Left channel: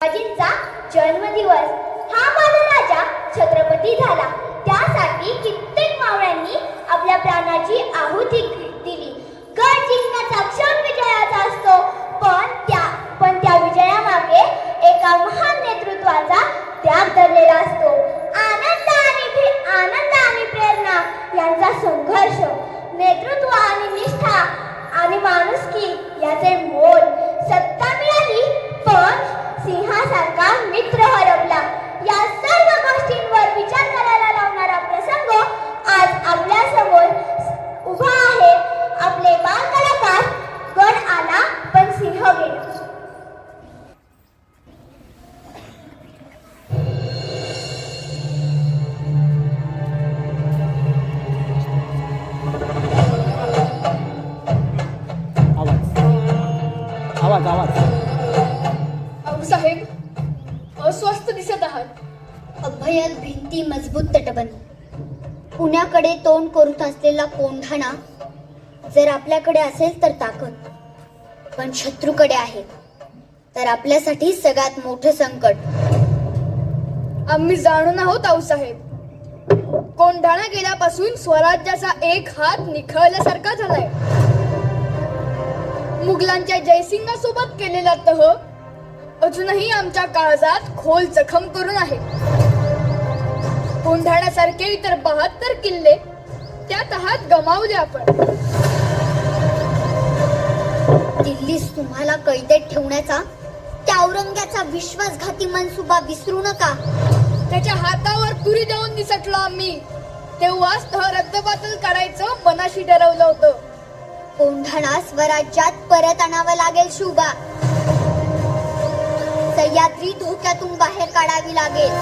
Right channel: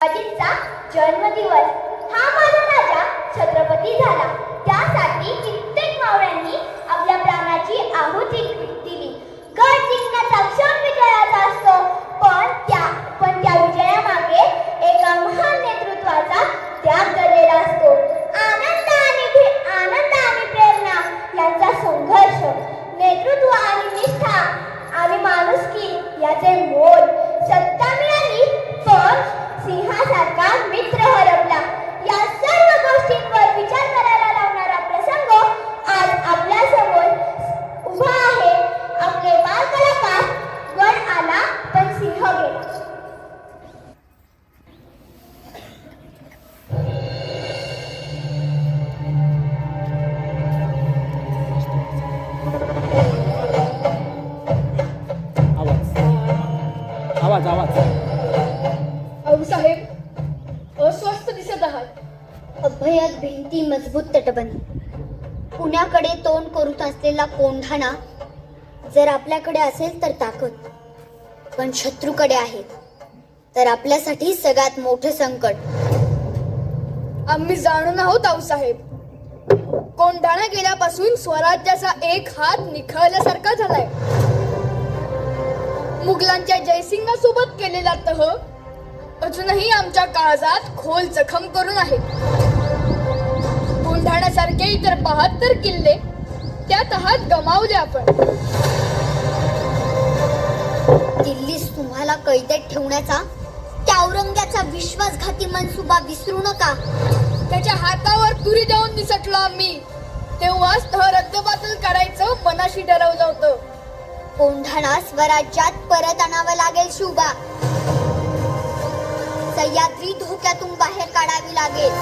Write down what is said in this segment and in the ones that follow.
अजितचा जन्मदिवस हा माझा राजा छत्रपती झाला. त्यासाठी कित्येक मावळ्यांनी आपल्या प्राणाची आहुती दिली. गड जिंकण्याचा क्षण विजयाचा असतो, पण त्या विजयामागे एका महान नेतृत्वाचा त्याग दडलेला असतो. आनंद आणि प्रेरणा यांचा संघर्ष, नेतृत्व आणि निष्ठा आणि माणुसकी याचे मोल. सत्ता मिळाली पण सिंहासारखा मित्र हरपला. या सर्व गोष्टींवर विचार करायला लावणारा प्रसंग आज आपल्या समोर उभा आहे. आपले बाल कलाकार. गड आला पण सिंह गेला. आवाज आवाज साहेब अस्वस्थ दिसत आहात. अभयात भिंती मजबूत तटबंदी, पुण्याकडे तोंड करून असलेला कोंढाणा. जर आपल्याकडे असेल तर ताकद, पण शत्रूकडे आहे तर आपल्यासाठी सगळ्यात मोठं संकट. आम्ही जाणून आहोत आऊसाहेब. कोंढाणा गेल्यापासून स्वराज्याचा एक हात निखळल्यासारखा झालाय. मुघलांच्या जयसिंगासोबत केलेला तह अजूनही आमच्या काळजात खोल जखम करून आहे. कोंढाण्यासारखे इतर 72 किल्ले त्या तहात गमावले आपण. दिल्लीस तुम्हाला कैदेत ठेवण्याचा त्या औरंग्याचा विश्वासघाती मनसुबा विसरू नका. त्याच्या हातावर तुरी देऊन निसटलो आम्ही. तेव्हाच तह रद्दबातल करायचं मनाशी ठरवलं होतं. कोंढाणा स्वराज्यात परत आणावं लागेल शिवबा. सह्याद्री धोक्यातून बाहेर काढावी लागेल.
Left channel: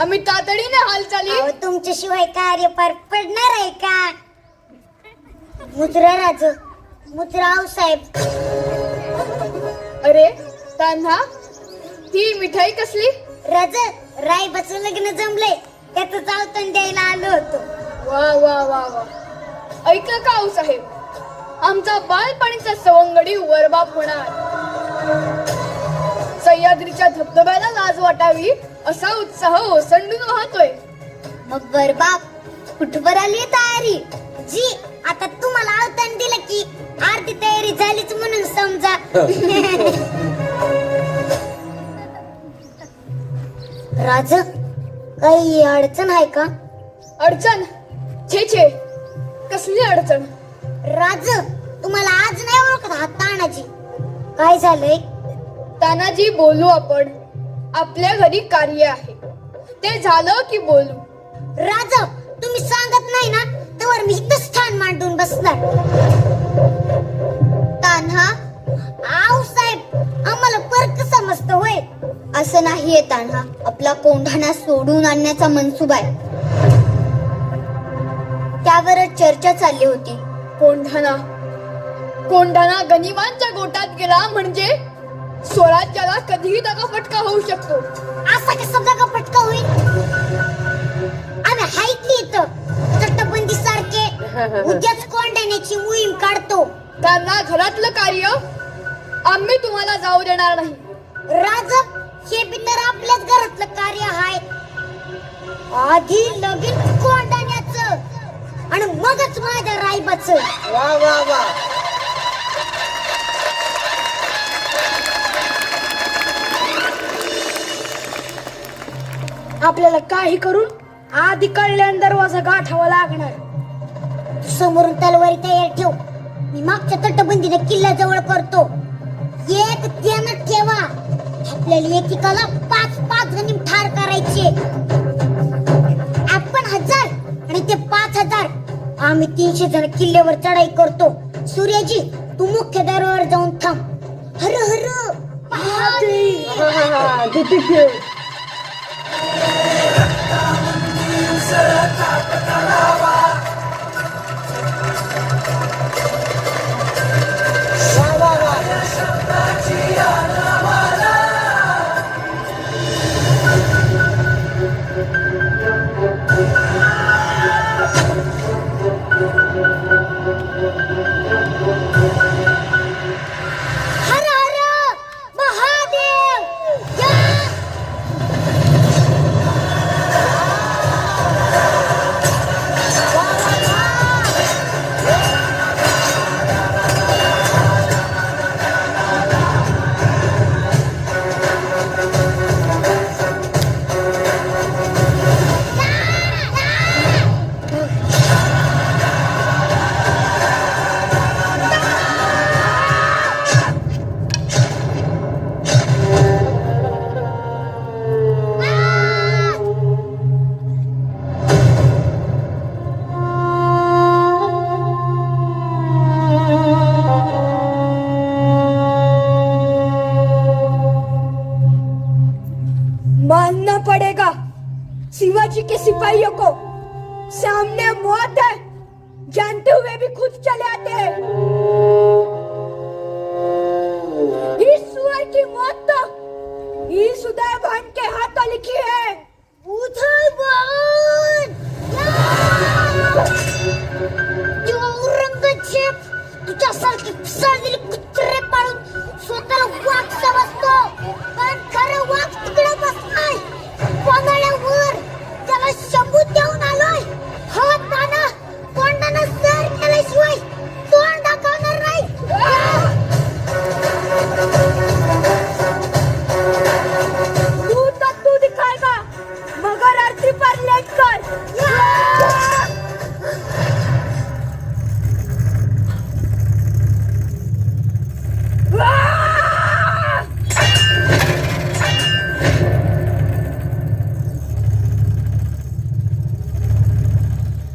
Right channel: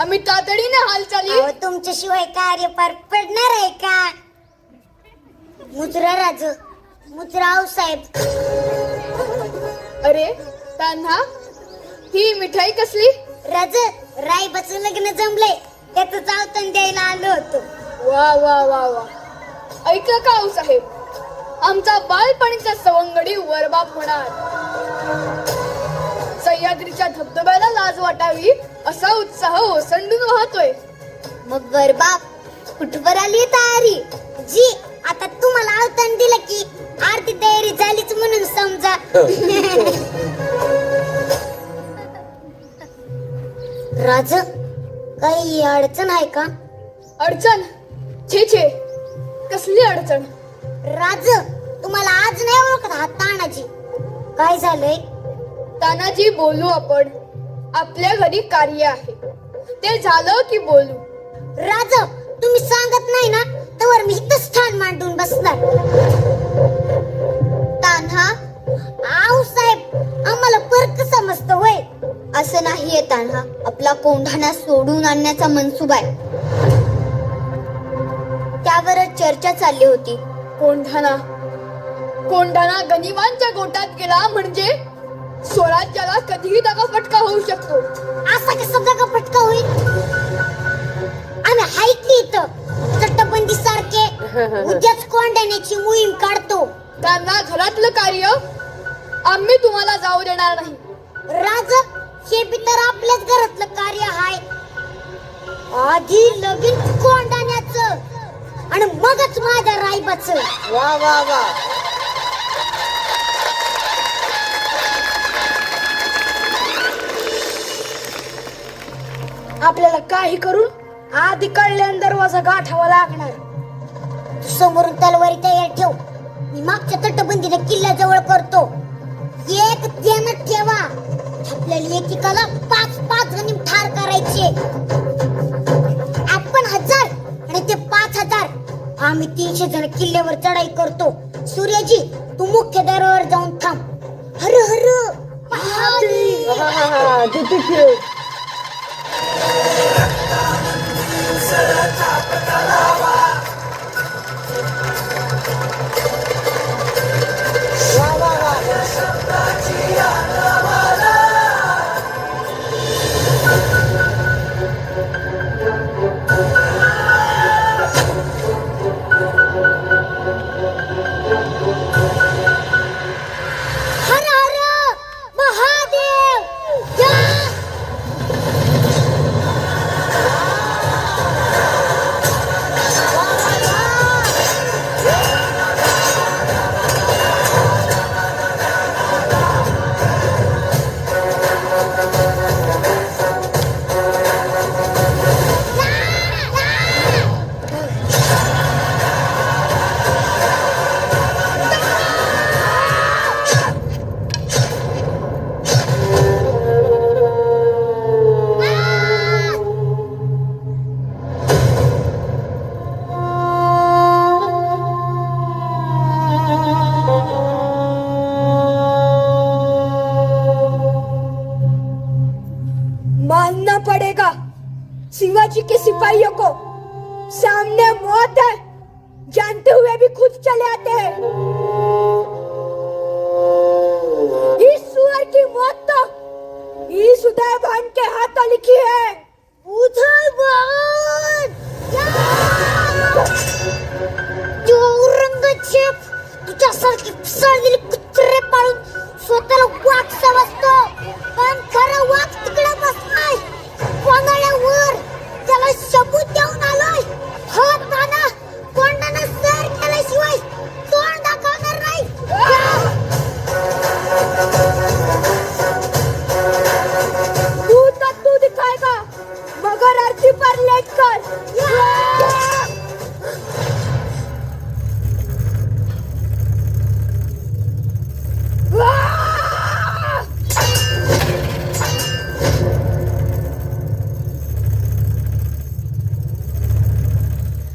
आम्ही तातडीने हालचाली. तुमच्याशिवाय कार्य पार पडणार आहे का? मुजरा राज, मुजरा साहेब. अरे तान्हा, ही मिठाई कसली? राज, रायबाचं लग्न जमलंय, त्याचं चावतन द्यायला आलो होतो. वा वा वा वा. ऐकलं का आऊसाहेब, आमचा बालपणीचा सवंगडी वरबाप होणार. सह्याद्रीच्या धबधब्याला लाज वाटावी असा उत्साह ओसंडून वाहतोय. मग वरबाप कुठवर आली तयारी? जी, आता तुम्हाला अवतान दिलं की आरती तयारी झालीच म्हणून समजा. राज, काही अडचण आहे का? अडचण? छे छे, कसली अडचण? राज, तुम्हाला आज नाही ओळखत हा तानाजी. काय झालंय? तानाजी, बोलू आपण. आपल्या घरी कार्य आहे, ते झालं की बोलू. राज, तुम्ही सांगत नाही ना तर मी इथं स्थान मांडून बसणार. तान्हा, आऊ साहेब, आम्हाला फरक समजत होय. असं नाहीये तान्हा, आपला कोंढाणा सोडून आणण्याचा मनसुबा आहे. त्यावरच चर्चा चालली होती. कोंढाणा गनिमांच्या गोटात गेला म्हणजे स्वराज्याला कधीही दगाफटका होऊ शकतो. असा कसा दगाफटका होईल? आम्ही ऐकली इथं तटबंदी सारखे उद्याच कोंढाण्याची मोहीम काढतो. त्यांना घरातलं कार्य आम्ही तुम्हाला जाऊ देणार नाही. राज, हे बी तर आपल्याच घरातलं कार्य आहे. आधी लगीन कोंढाण्याचं आणि मगच माझ्या रायबाचं. वा वा वा. आपल्याला काही करून आधी कळल्यान दरवाजा गाठावा लागणार. समोरून तलवारी तयार ठेव. मी मागच्या तटबंदीने किल्ल्याजवळ करतो. एक ध्यानात ठेवा, आपल्याला एकेकाला 5-5 जणी ठार करायचे. आपण 1000 आणि ते 5000. आम्ही 300 जण किल्ल्यावर चढाई करतो. सूर्यजी, तू मुख्य दरवाजावर जाऊन थांब. हर हर महादेव. हर हर जानते हुए भी खुद चले आते हैं। इस सुअर की मौत तो इस उदय भान के हाथों लिखी है। उदय भान जो औरंगजेब तुझ्यासारखे पिसाळलेले कुत्रे पाळून स्वतःला वाघ समजतो, पण खरं वाघ तिकडे बसलाय वांगळ्यावर. त्याला सबूत देऊन आलोय. हा ताना कोंडाना सर केल्याशिवाय तोंड दाखवणार नाही. तू दिखाएगा मगर आरती पर लेट कर।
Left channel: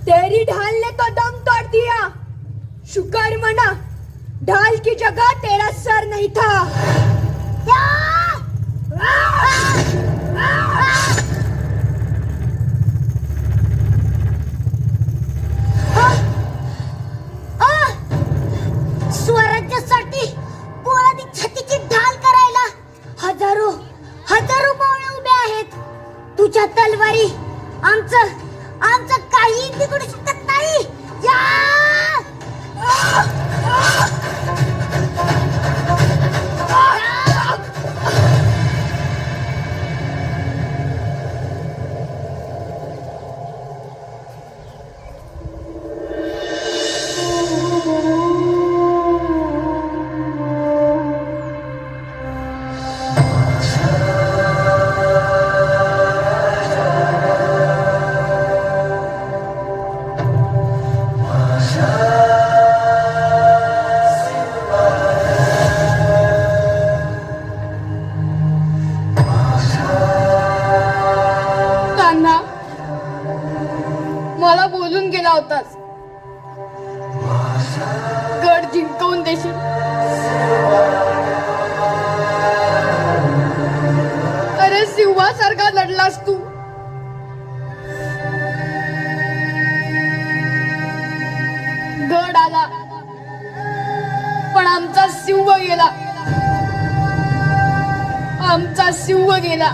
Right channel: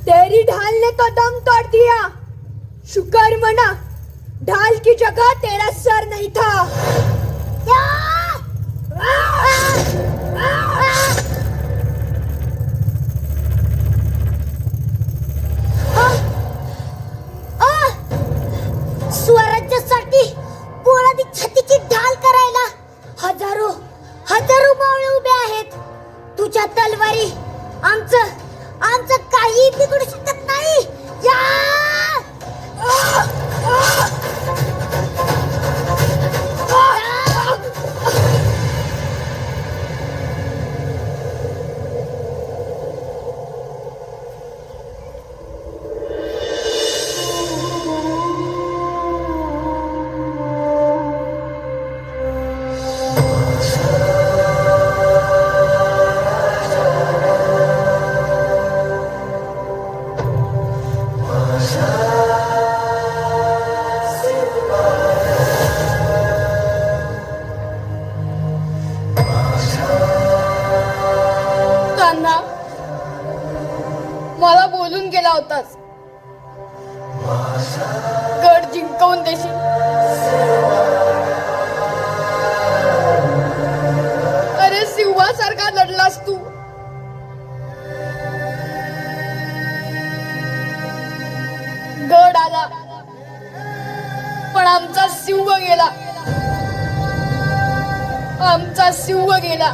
तेरी ढाल ने तो दम तोड़ दिया। शुक्र मना ढाल की जगह तेरा सर नहीं था। स्वराज्यासाठी पोळाची छातीची ढाल करायला हजारो हजारो मावळे उभे आहेत. तुझ्या तलवारी आमचं काही बिघडू शकत नाही. मला बोलून गेला होतास गड जिंकवून देशील. अरे सिंहासारखा लढलास तू. गड आला पण आमचा सिंह गेला. आमचा सिंह गेला.